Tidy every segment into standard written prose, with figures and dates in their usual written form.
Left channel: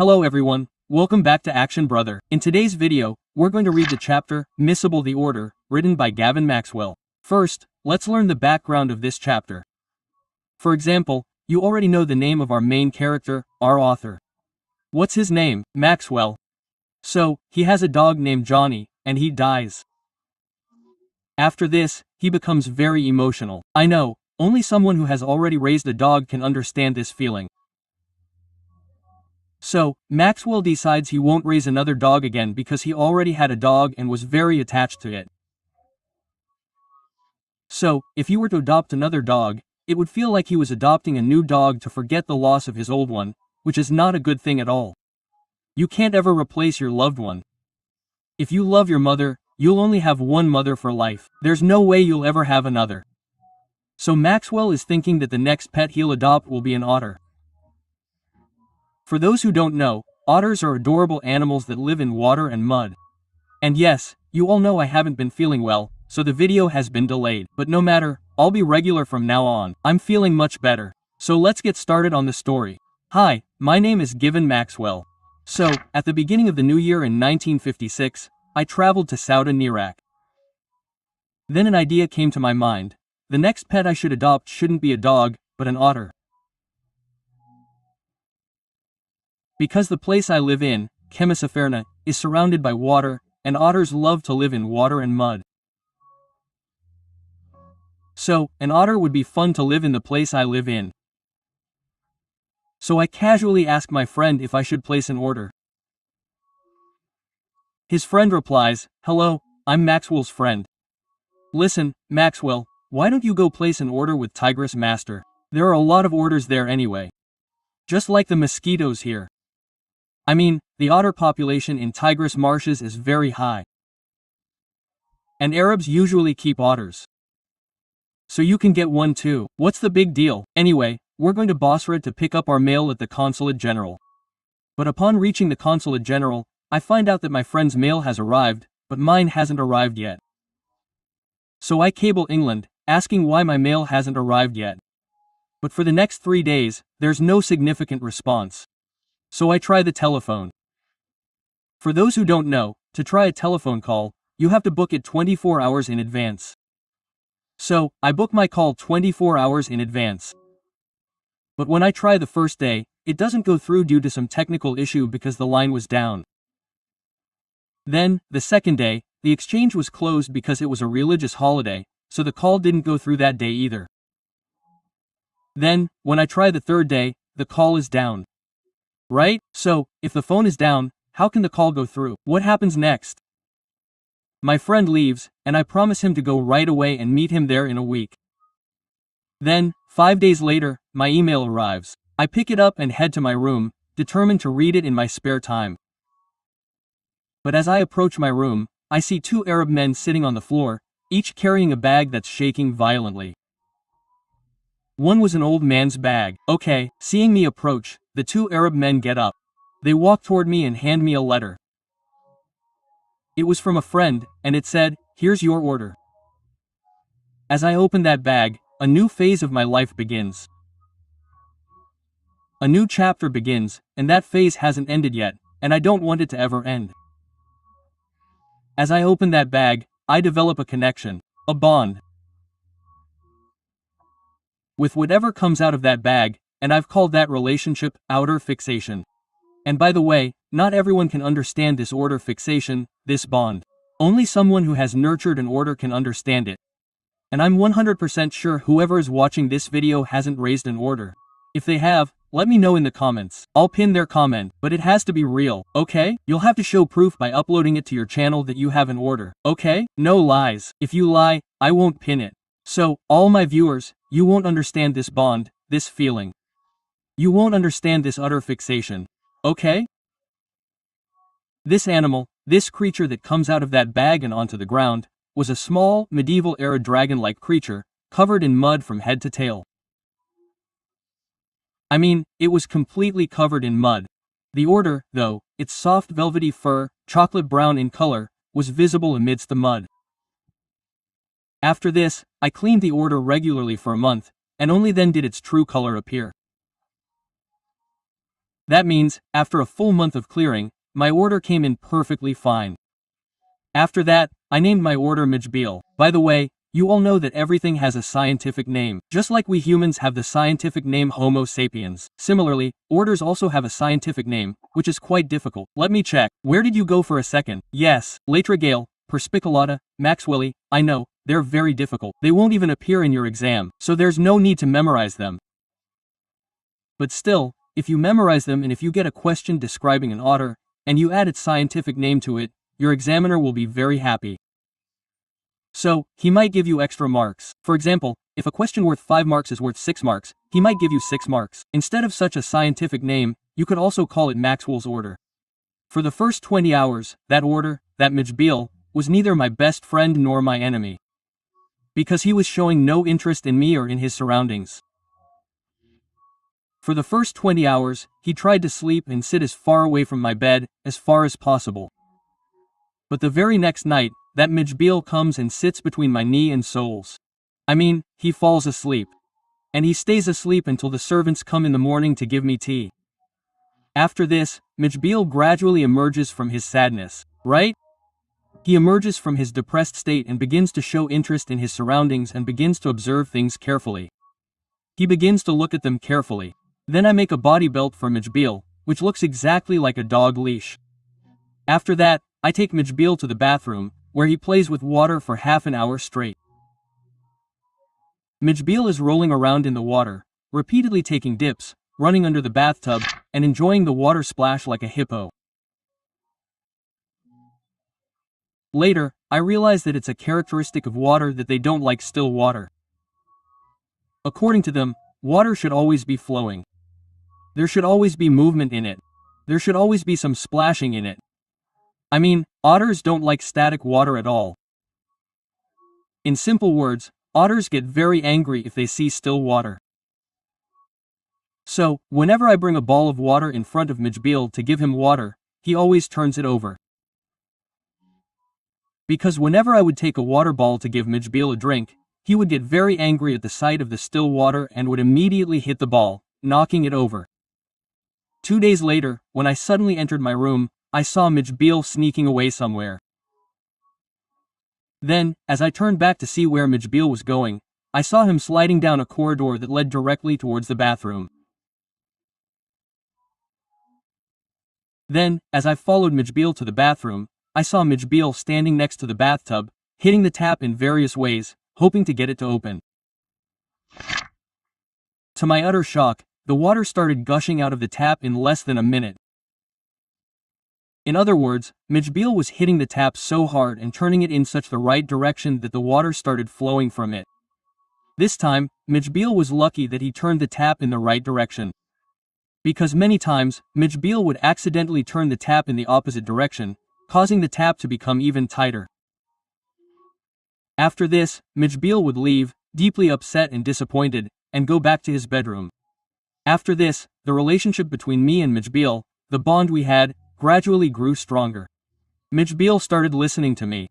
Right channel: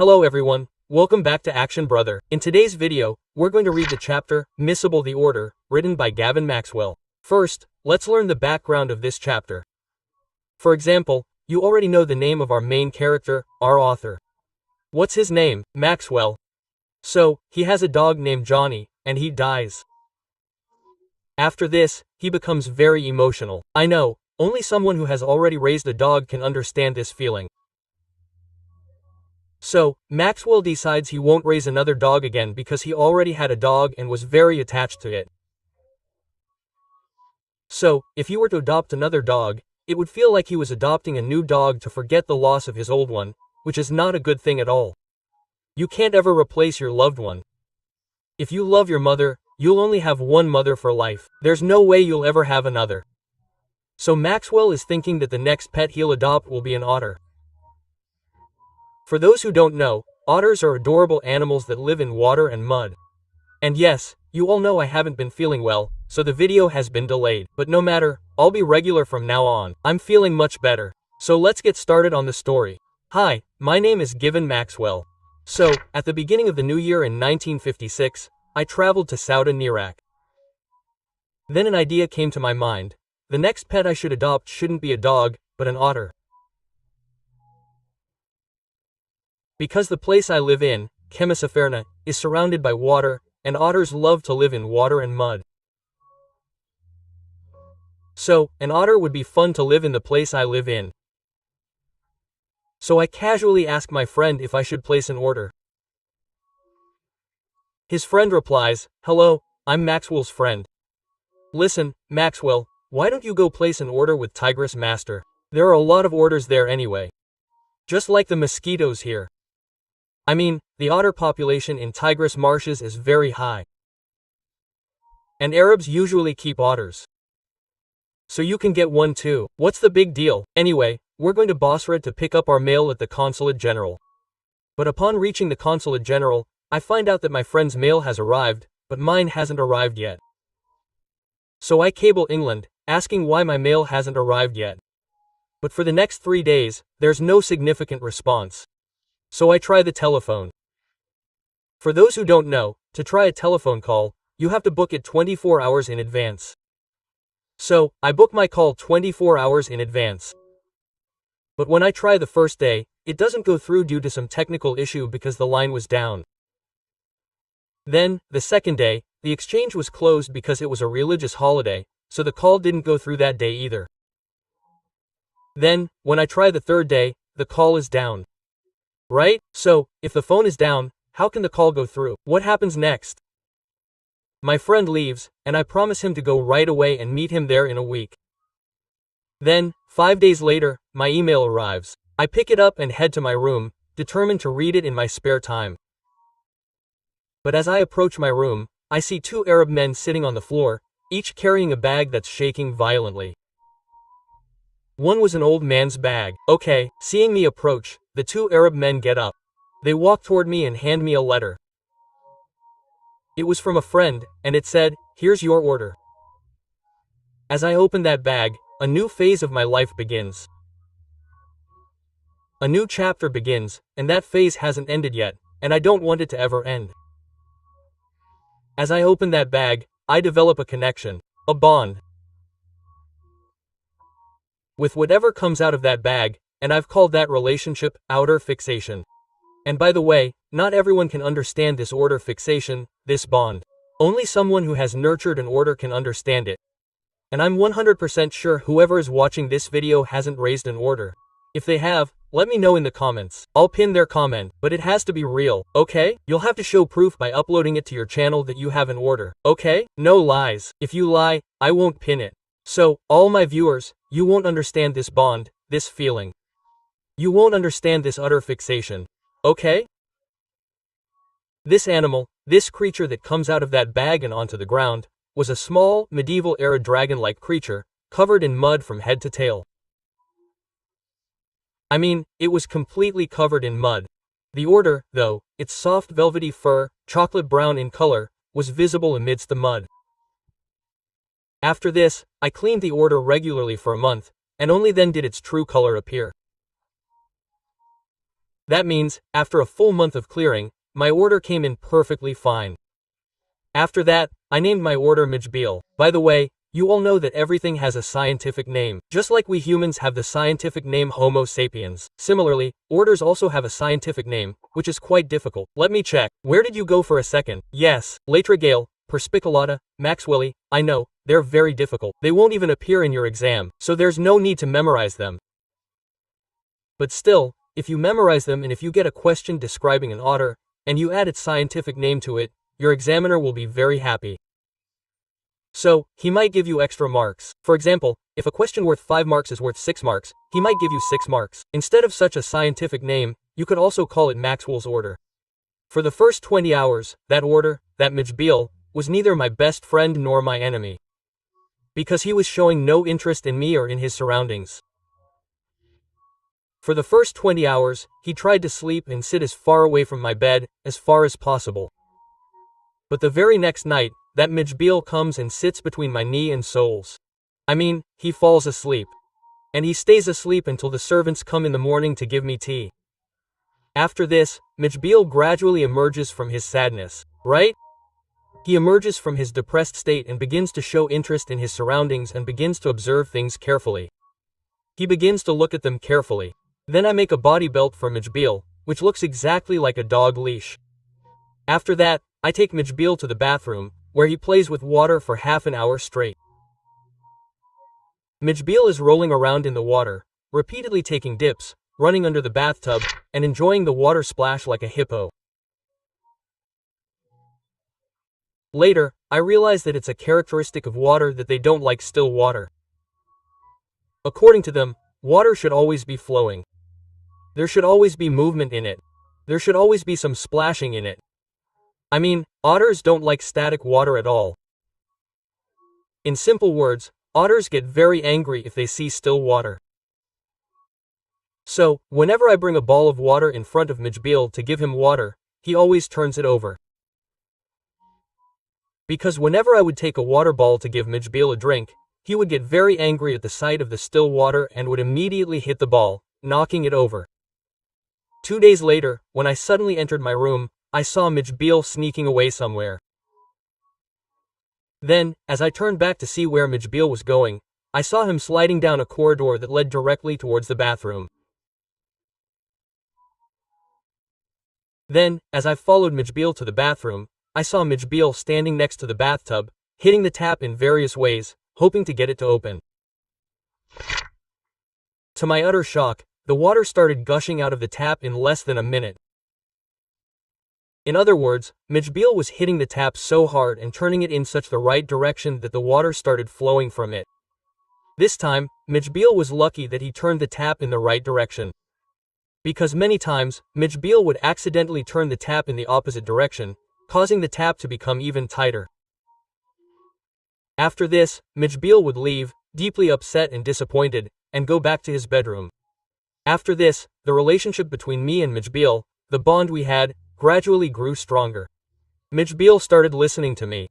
Hello everyone, welcome back to Action Brother. In today's video, we're going to read the chapter, Mijbil the Order, written by Gavin Maxwell. First, let's learn the background of this chapter. For example, you already know the name of our main character, our author. What's his name? Maxwell. So, he has a dog named Johnny, and he dies. After this, he becomes very emotional. I know, only someone who has already raised a dog can understand this feeling. So, Maxwell decides he won't raise another dog again because he already had a dog and was very attached to it. So, if you were to adopt another dog, it would feel like he was adopting a new dog to forget the loss of his old one, which is not a good thing at all. You can't ever replace your loved one. If you love your mother, you'll only have one mother for life. There's no way you'll ever have another. So Maxwell is thinking that the next pet he'll adopt will be an otter. For those who don't know, otters are adorable animals that live in water and mud. And yes, you all know I haven't been feeling well, so the video has been delayed. But no matter, I'll be regular from now on. I'm feeling much better. So let's get started on the story. Hi, my name is Gavin Maxwell. So, at the beginning of the new year in 1956, I traveled to Soudan, Iraq. Then an idea came to my mind. The next pet I should adopt shouldn't be a dog, but an otter. Because the place I live in, Kemisaferna, is surrounded by water, and otters love to live in water and mud. So, an otter would be fun to live in the place I live in. So I casually asked my friend if I should place an order. His friend replies, "Hello, I'm Maxwell's friend. Listen, Maxwell, why don't you go place an order with Tigress Master? There are a lot of orders there anyway. Just like the mosquitoes here. I mean, the otter population in Tigris marshes is very high. And Arabs usually keep otters. So you can get one too. What's the big deal? Anyway, we're going to Basra to pick up our mail at the Consulate General. But upon reaching the Consulate General, I find out that my friend's mail has arrived, but mine hasn't arrived yet. So I cable England, asking why my mail hasn't arrived yet. But for the next 3 days, there's no significant response. So I try the telephone. For those who don't know, to try a telephone call, you have to book it 24 hours in advance. So, I book my call 24 hours in advance. But when I try the first day, it doesn't go through due to some technical issue because the line was down. Then, the second day, the exchange was closed because it was a religious holiday, so the call didn't go through that day either. Then, when I try the third day, the call is down. Right? So, if the phone is down, how can the call go through? What happens next? My friend leaves, and I promise him to go right away and meet him there in a week. Then, 5 days later, my email arrives. I pick it up and head to my room, determined to read it in my spare time. But as I approach my room, I see 2 Arab men sitting on the floor, each carrying a bag that's shaking violently. One was an old man's bag. Okay, seeing me approach, the 2 Arab men get up. They walk toward me and hand me a letter. It was from a friend, and it said, "Here's your order." As I open that bag, a new phase of my life begins. A new chapter begins, and that phase hasn't ended yet, and I don't want it to ever end. As I open that bag, I develop a connection, a bond, with whatever comes out of that bag, and I've called that relationship outer fixation. And by the way, not everyone can understand this order fixation, this bond. Only someone who has nurtured an order can understand it. And I'm 100% sure whoever is watching this video hasn't raised an order. If they have, let me know in the comments. I'll pin their comment, but it has to be real, okay? You'll have to show proof by uploading it to your channel that you have an order, okay? No lies. If you lie, I won't pin it. So, all my viewers, you won't understand this bond, this feeling. You won't understand this utter fixation. Okay? This animal, this creature that comes out of that bag and onto the ground, was a small, medieval-era dragon-like creature, covered in mud from head to tail. I mean, it was completely covered in mud. The order, though, its soft velvety fur, chocolate brown in color, was visible amidst the mud. After this, I cleaned the order regularly for a month, and only then did its true color appear. That means, after a full month of clearing, my order came in perfectly fine. After that, I named my order Mijbil. By the way, you all know that everything has a scientific name, just like we humans have the scientific name Homo sapiens. Similarly, orders also have a scientific name, which is quite difficult. Let me check. Where did you go for a second? Yes, Latrigale, Perspiculata, Maxwelli, I know, they're very difficult. They won't even appear in your exam, so there's no need to memorize them. But still, if you memorize them and if you get a question describing an otter, and you add its scientific name to it, your examiner will be very happy. So, he might give you extra marks. For example, if a question worth 5 marks is worth 6 marks, he might give you 6 marks. Instead of such a scientific name, you could also call it Maxwell's order. For the first 20 hours, that order, that Mijbil, was neither my best friend nor my enemy. Because he was showing no interest in me or in his surroundings. For the first 20 hours, he tried to sleep and sit as far away from my bed, as far as possible. But the very next night, that Mijbil comes and sits between my knee and soles. I mean, he falls asleep. And he stays asleep until the servants come in the morning to give me tea. After this, Mijbil gradually emerges from his sadness, right? He emerges from his depressed state and begins to show interest in his surroundings and begins to observe things carefully. He begins to look at them carefully. Then I make a body belt for Mijbil, which looks exactly like a dog leash. After that, I take Mijbil to the bathroom, where he plays with water for half an hour straight. Mijbil is rolling around in the water, repeatedly taking dips, running under the bathtub, and enjoying the water splash like a hippo. Later, I realize that it's a characteristic of water that they don't like still water. According to them, water should always be flowing. There should always be movement in it. There should always be some splashing in it. I mean, otters don't like static water at all. In simple words, otters get very angry if they see still water. So, whenever I bring a ball of water in front of Mijbil to give him water, he always turns it over. Because whenever I would take a water ball to give Mijbil a drink, he would get very angry at the sight of the still water and would immediately hit the ball, knocking it over. 2 days later, when I suddenly entered my room, I saw Mijbil sneaking away somewhere. Then, as I turned back to see where Mijbil was going, I saw him sliding down a corridor that led directly towards the bathroom. Then, as I followed Mijbil to the bathroom, I saw Mijbil standing next to the bathtub, hitting the tap in various ways, hoping to get it to open. To my utter shock, the water started gushing out of the tap in less than a minute. In other words, Mijbil was hitting the tap so hard and turning it in such the right direction that the water started flowing from it. This time, Mijbil was lucky that he turned the tap in the right direction. Because many times, Mijbil would accidentally turn the tap in the opposite direction, causing the tap to become even tighter. After this, Mijbil would leave, deeply upset and disappointed, and go back to his bedroom. After this, the relationship between me and Mijbil, the bond we had, gradually grew stronger. Mijbil started listening to me.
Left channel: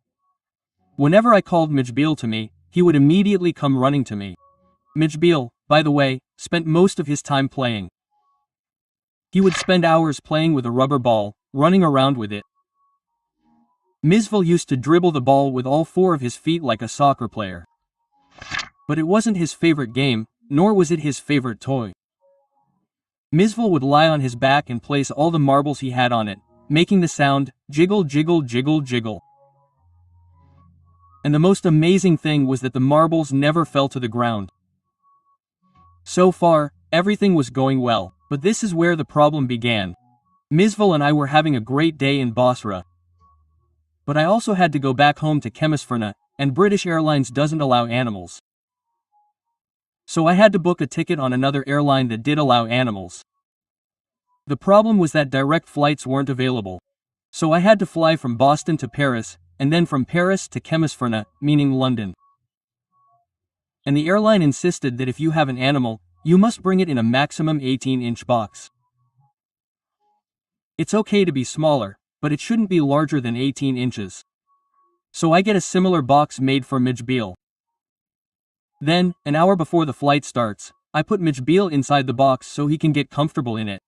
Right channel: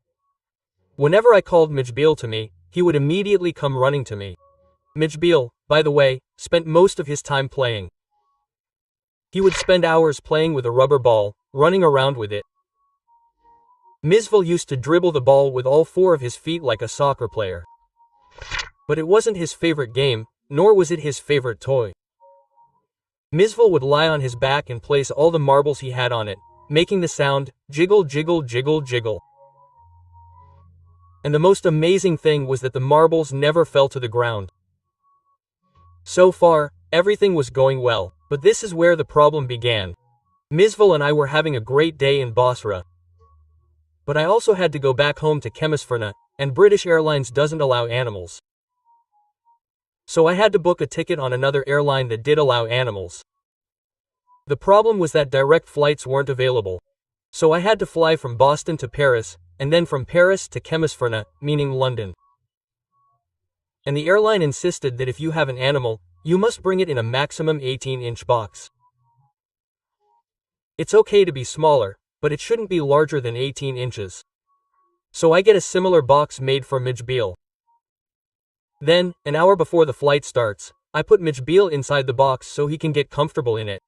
Whenever I called Mijbil to me, he would immediately come running to me. Mijbil, by the way, spent most of his time playing. He would spend hours playing with a rubber ball, running around with it. Mijbil used to dribble the ball with all 4 of his feet like a soccer player. But it wasn't his favorite game, nor was it his favorite toy. Mijbil would lie on his back and place all the marbles he had on it, making the sound, jiggle jiggle jiggle jiggle. And the most amazing thing was that the marbles never fell to the ground. So far, everything was going well, but this is where the problem began. Mijbil and I were having a great day in Basra. But I also had to go back home to Kemisferna, and British Airlines doesn't allow animals. So I had to book a ticket on another airline that did allow animals. The problem was that direct flights weren't available. So I had to fly from Boston to Paris, and then from Paris to Kemisferna, meaning London. And the airline insisted that if you have an animal, you must bring it in a maximum 18-inch box. It's okay to be smaller, but it shouldn't be larger than 18 inches. So I get a similar box made for Mijbil. Then, an hour before the flight starts, I put Mijbil inside the box so he can get comfortable in it.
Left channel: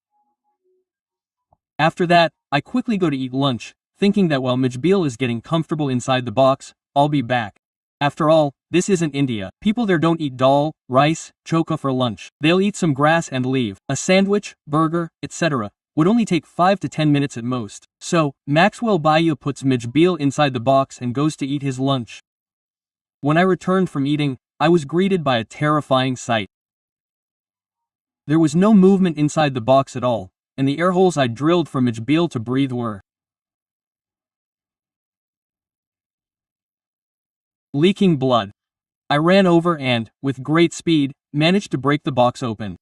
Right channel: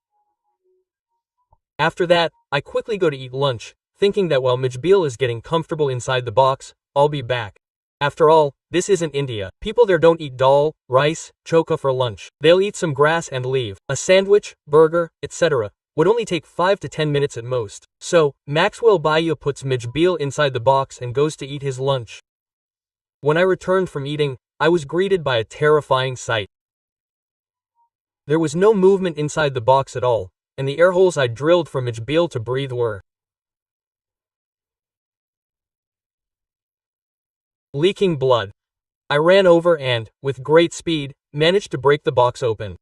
After that, I quickly go to eat lunch, thinking that while Mijbil is getting comfortable inside the box, I'll be back. After all, this isn't India. People there don't eat dal, rice, chokha for lunch. They'll eat some grass and leave. A sandwich, burger, etc. would only take 5 to 10 minutes at most. So, Maxwell bhaiya puts Mijbil inside the box and goes to eat his lunch. When I returned from eating, I was greeted by a terrifying sight. There was no movement inside the box at all, and the air holes I drilled for Mijbil to breathe were leaking blood. I ran over and, with great speed, managed to break the box open.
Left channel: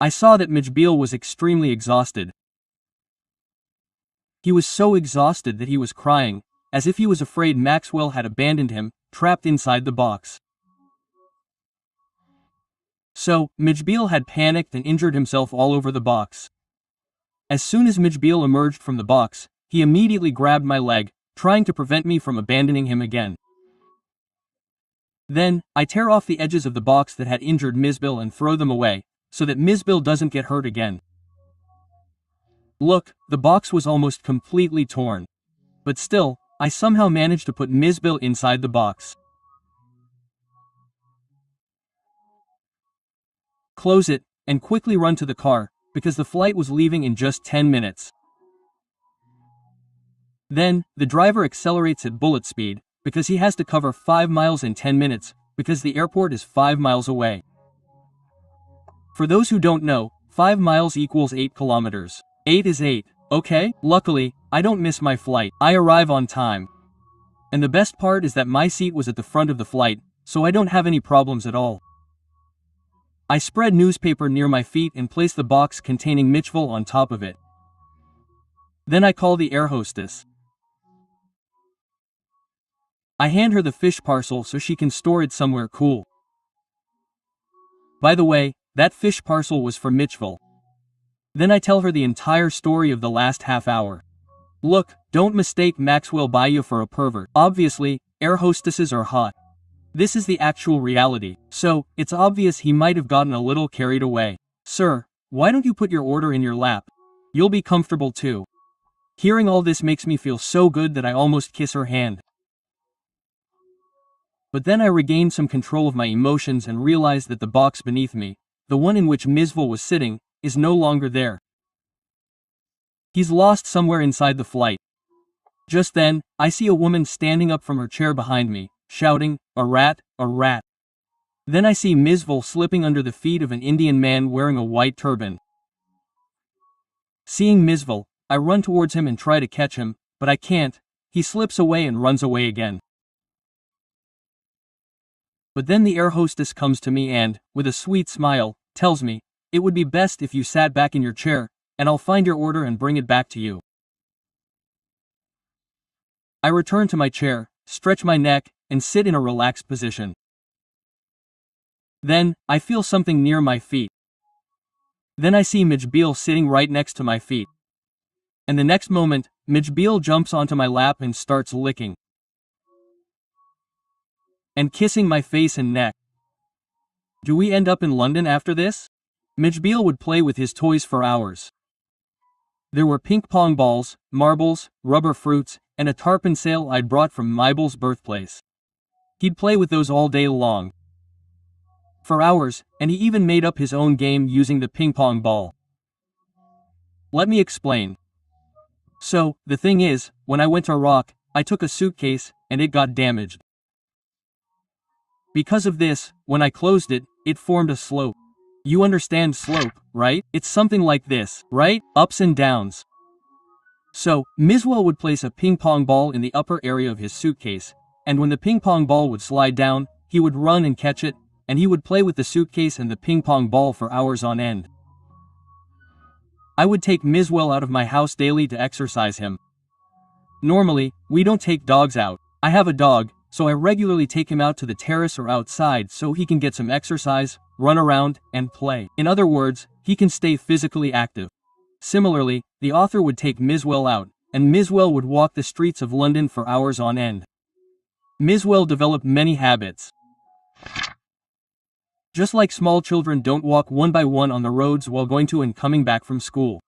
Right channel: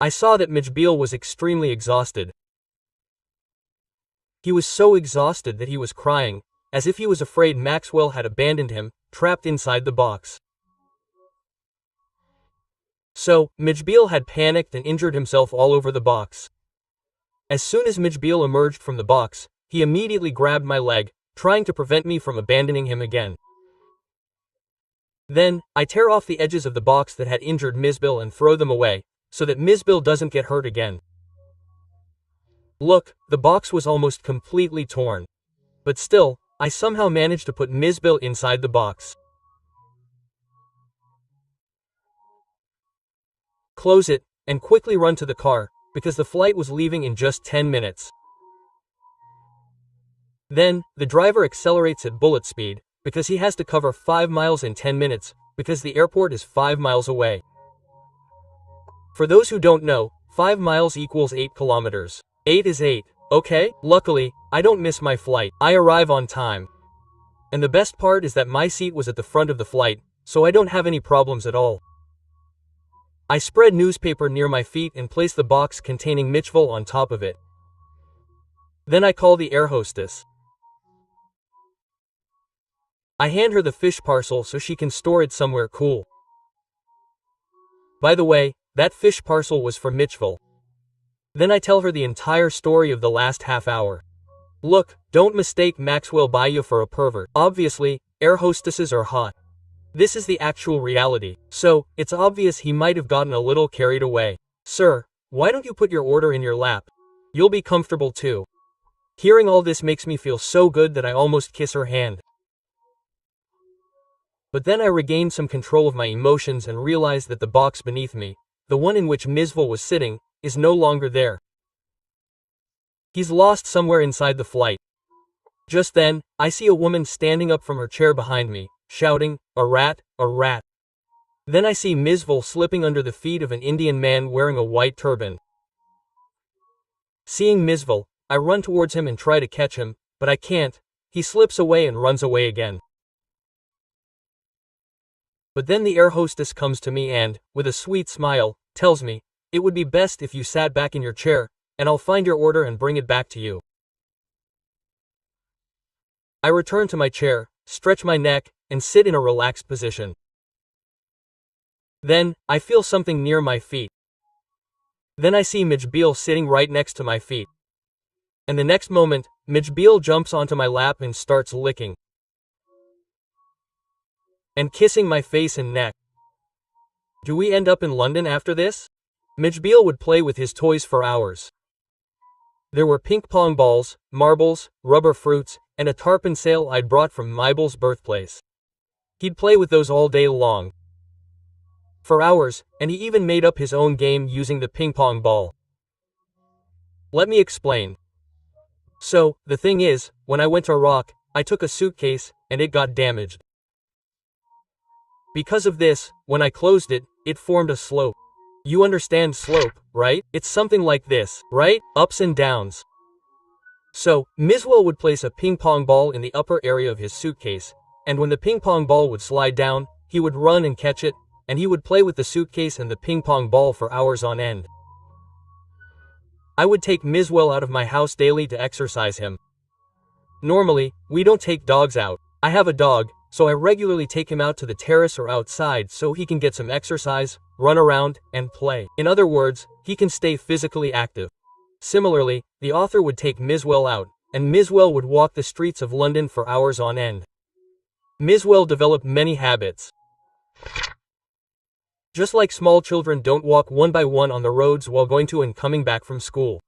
I saw that Mijbil was extremely exhausted. He was so exhausted that he was crying, as if he was afraid Maxwell had abandoned him, trapped inside the box. So, Mijbil had panicked and injured himself all over the box. As soon as Mijbil emerged from the box, he immediately grabbed my leg, trying to prevent me from abandoning him again. Then, I tear off the edges of the box that had injured Mijbil and throw them away, so that Mijbil doesn't get hurt again. Look, the box was almost completely torn. But still, I somehow managed to put Mijbil inside the box. Close it, and quickly run to the car, because the flight was leaving in just 10 minutes. Then, the driver accelerates at bullet speed, because he has to cover 5 miles in 10 minutes, because the airport is 5 miles away. For those who don't know, 5 miles equals 8 kilometers. 8 is 8, okay? Luckily, I don't miss my flight. I arrive on time. And the best part is that my seat was at the front of the flight, so I don't have any problems at all. I spread newspaper near my feet and place the box containing Mijbil on top of it. Then I call the air hostess. I hand her the fish parcel so she can store it somewhere cool. By the way, that fish parcel was for Mijbil. Then I tell her the entire story of the last half hour. Look, don't mistake Maxwell bhaiya for a pervert. Obviously, air hostesses are hot. This is the actual reality, so it's obvious he might have gotten a little carried away. Sir, why don't you put your order in your lap? You'll be comfortable too. Hearing all this makes me feel so good that I almost kiss her hand. But then I regained some control of my emotions and realized that the box beneath me, the one in which Mijbil was sitting, is no longer there. He's lost somewhere inside the flight. Just then, I see a woman standing up from her chair behind me, shouting, "A rat, a rat." Then I see Mijbil slipping under the feet of an Indian man wearing a white turban. Seeing Mijbil, I run towards him and try to catch him, but I can't. He slips away and runs away again. But then the air hostess comes to me and, with a sweet smile, tells me, "It would be best if you sat back in your chair, and I'll find your order and bring it back to you." I return to my chair, stretch my neck, and sit in a relaxed position. Then, I feel something near my feet. Then I see Mijbil sitting right next to my feet. And the next moment, Mijbil jumps onto my lap and starts licking and kissing my face and neck. Do we end up in London after this? Mijbil would play with his toys for hours. There were ping pong balls, marbles, rubber fruits, and a tarpon sail I'd brought from Mijbil's birthplace. He'd play with those all day long. For hours, and he even made up his own game using the ping pong ball. Let me explain. So, the thing is, when I went to Iraq, I took a suitcase, and it got damaged. Because of this, when I closed it, it formed a slope. You understand slope, right? It's something like this, right? Ups and downs. So, Mijbil would place a ping pong ball in the upper area of his suitcase, and when the ping pong ball would slide down, he would run and catch it, and he would play with the suitcase and the ping pong ball for hours on end. I would take Mijbil out of my house daily to exercise him. Normally, we don't take dogs out. I have a dog, so I regularly take him out to the terrace or outside so he can get some exercise, run around, and play. In other words, he can stay physically active. Similarly, the author would take Mijbil out, and Mijbil would walk the streets of London for hours on end. Mijbil developed many habits. Just like small children don't walk one by one on the roads while going to and coming back from school.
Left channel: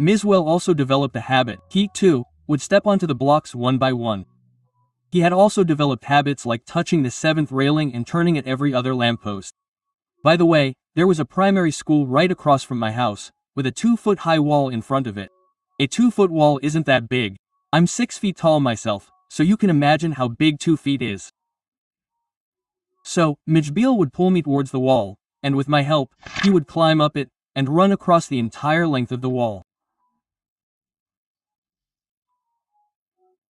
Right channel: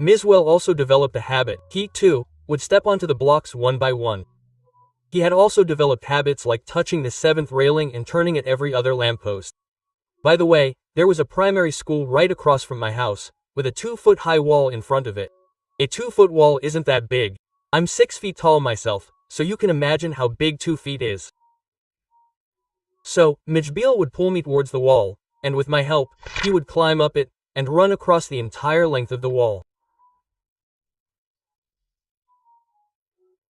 Mijbil also developed a habit. He, too, would step onto the blocks one by one. He had also developed habits like touching the seventh railing and turning at every other lamppost. By the way, there was a primary school right across from my house, with a 2-foot-high wall in front of it. A 2-foot wall isn't that big. I'm 6 feet tall myself, so you can imagine how big 2 feet is. So, Mijbil would pull me towards the wall, and with my help, he would climb up it, and run across the entire length of the wall.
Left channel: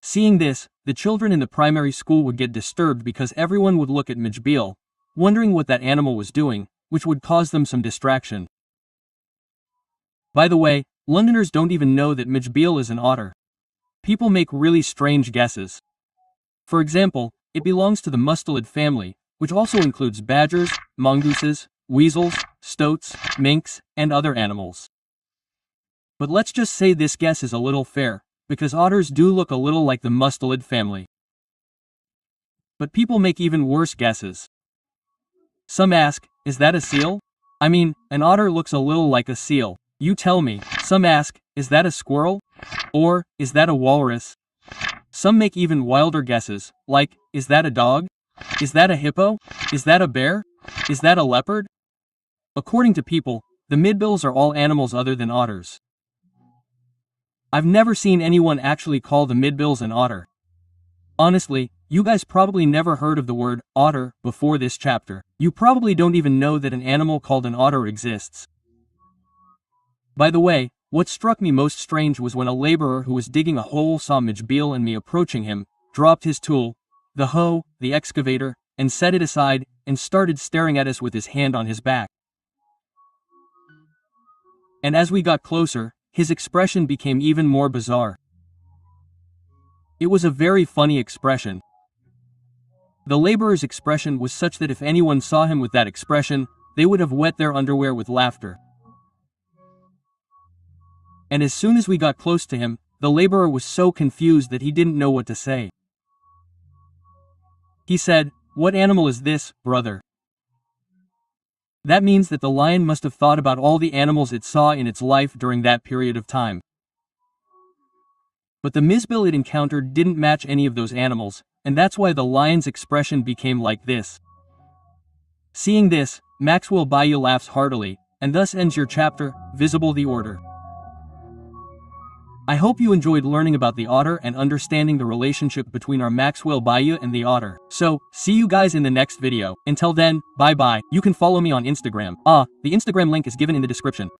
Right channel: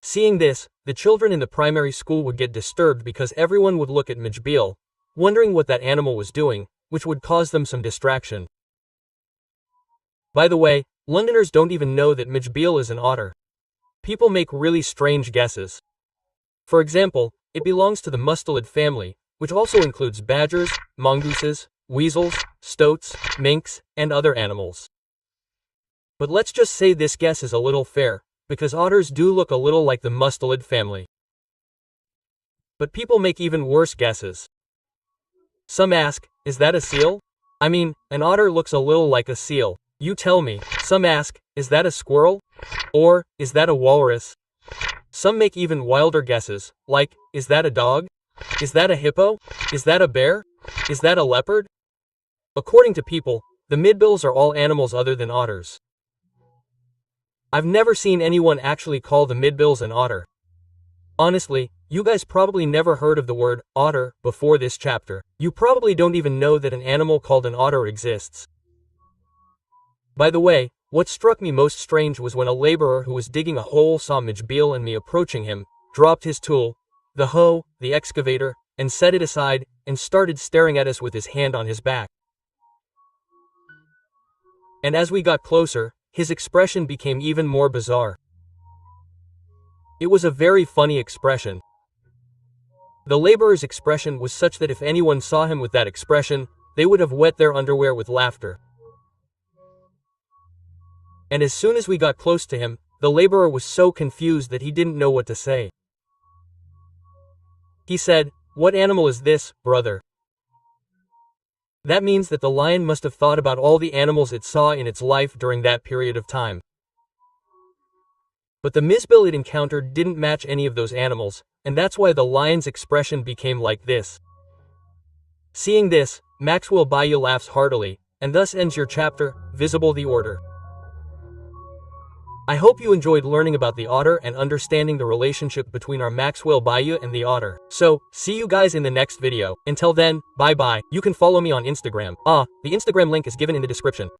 Seeing this, the children in the primary school would get disturbed because everyone would look at Mijbil, wondering what that animal was doing, which would cause them some distraction. By the way, Londoners don't even know that Mijbil is an otter. People make really strange guesses. For example, it belongs to the mustelid family, which also includes badgers, mongooses, weasels, stoats, minks, and other animals. But let's just say this guess is a little fair, because otters do look a little like the mustelid family. But people make even worse guesses. Some ask, is that a seal? I mean, an otter looks a little like a seal. You tell me. Some ask, is that a squirrel? Or, is that a walrus? Some make even wilder guesses, like, is that a dog? Is that a hippo? Is that a bear? Is that a leopard? According to people, the Mijbils are all animals other than otters. I've never seen anyone actually call the Mijbils an otter. Honestly, you guys probably never heard of the word otter before this chapter. You probably don't even know that an animal called an otter exists. By the way, what struck me most strange was when a laborer who was digging a hole saw Mijbil and me approaching him, dropped his tool, the hoe, the excavator, and set it aside, and started staring at us with his hand on his back. And as we got closer, his expression became even more bizarre. It was a very funny expression. The laborer's expression was such that if anyone saw him with that expression, they would have wet their underwear with laughter. And as soon as we got close to him, the laborer was so confused that he didn't know what to say. He said, "What animal is this, brother?" That means that the lion must have thought about all the animals it saw in its life during that period of time. But the Mijbil it encountered didn't match any of those animals, and that's why the lion's expression became like this. Seeing this, Maxwell Bhaiya laughs heartily, and thus ends your chapter, Visible the Order. I hope you enjoyed learning about the otter and understanding the relationship between our Maxwell Bhaiya and the otter. So, see you guys in the next video. Until then, bye bye. You can follow me on Instagram. The Instagram link is given in the description.